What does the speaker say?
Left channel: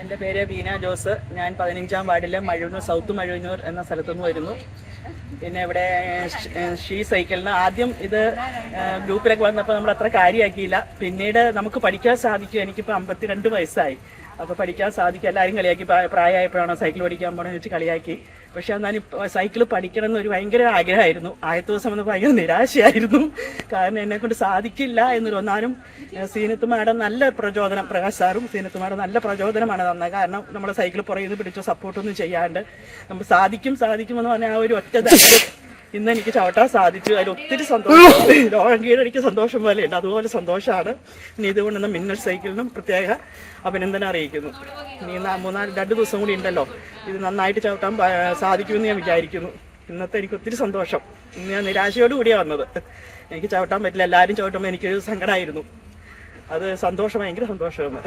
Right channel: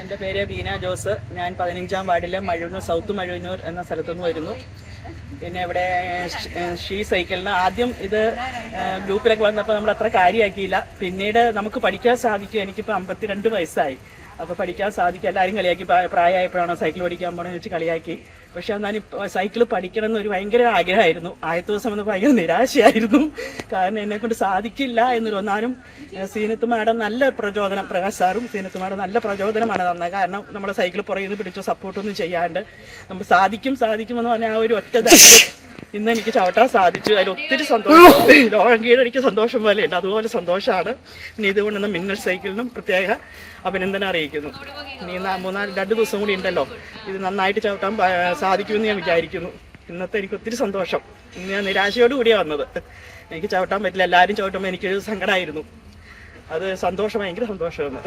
എൻ്റെ പേര് ബീന ജോസ്. ഞാൻ 15-ാം വാർഡിലെ മഴൂന്നൂർ സൗത്ത് മഴൂന്നൂർ എന്ന സ്ഥലത്തുനിന്ന് വരുന്നു. പിന്നെ ഇവിടെ ഷീ സൈക്കിളിന് ആദ്യം ഇത് ഗ്രൂപ്പിലൊക്കെ വന്നപ്പോൾ നമ്മൾ അത്ര കാര്യമാക്കിയില്ല. പിന്നീട് നമുക്ക് പഠിക്കാൻ സാധിക്കും. എനിക്കിപ്പോൾ 52 വയസ്സായി. അപ്പോൾ പഠിക്കാൻ സാധിക്കും. എല്ലാവരും കളിയാക്കി, പ്രായമായപ്പോഴാണ് സൈക്കിൾ പഠിക്കാൻ പോകണമെന്ന് വെച്ച് കളിയാക്കി. പക്ഷെ എന്നാൽ സൈക്കിൾ പഠിക്കണം എന്നൊരു ഭയങ്കര ആഗ്രഹമായിരുന്നു. ആദ്യത്തെ ദിവസം വന്ന് ഭയങ്കര നിരാശയായിരുന്നു. കാരണം എന്നെ കൊണ്ട് സാധിക്കില്ല എന്നൊരു ഒന്നാലും സീനത്ത് മാഡം നല്ല പ്രചോദനം, പ്രകാശ് സാറും സീനത്ത് മാഡം നല്ല പ്രചോദനമാണ് തന്നത്. കാരണം നമ്മുടെ സൈക്കിൾ പുറകിൽ നിന്ന് പിടിച്ചോ സപ്പോർട്ടൊന്നും ചെയ്യാണ്ട് നമ്മൾ സാധിക്കുമെന്ന് പറഞ്ഞാൽ ആ ഒരു ഒറ്റ ധൈര്യം ഇന്ന് എനിക്ക് ചവിട്ടാൻ സാധിച്ചു. അതിൽ ഒത്തിരി സന്തോഷം, ലോകം കീഴടിക്ക് സന്തോഷം പോലെ ഉണ്ട്. അതുപോലെ സന്തോഷമാണ്. ഇനി ഇതുകൊണ്ടുവന്ന മിന്നൽ സൈക്കിളിനും പ്രത്യേക അഭിനന്ദനം അറിയിക്കുന്നു. ഇനി 2 ദിവസം കൂടി ഉണ്ടല്ലോ, ഇത് നന്നായിട്ട് ചവിട്ടാൻ സാധിക്കുമെന്ന് ഞാൻ വിചാരിക്കുന്നു. ഇന്നത്തെ എനിക്ക് ഒത്തിരി സന്തോഷം. ഇന്ന് ഞാൻ നിരാശയോട് കൂടിയാണ് വന്നത്. എനിക്ക് ചവിട്ടാൻ പറ്റില്ല. എല്ലാവരും ചവിട്ടുമ്പോൾ എനിക്കൊരു സങ്കടമായിരുന്നു. അത് സന്തോഷം, ഭയങ്കര സന്തോഷമാണ്.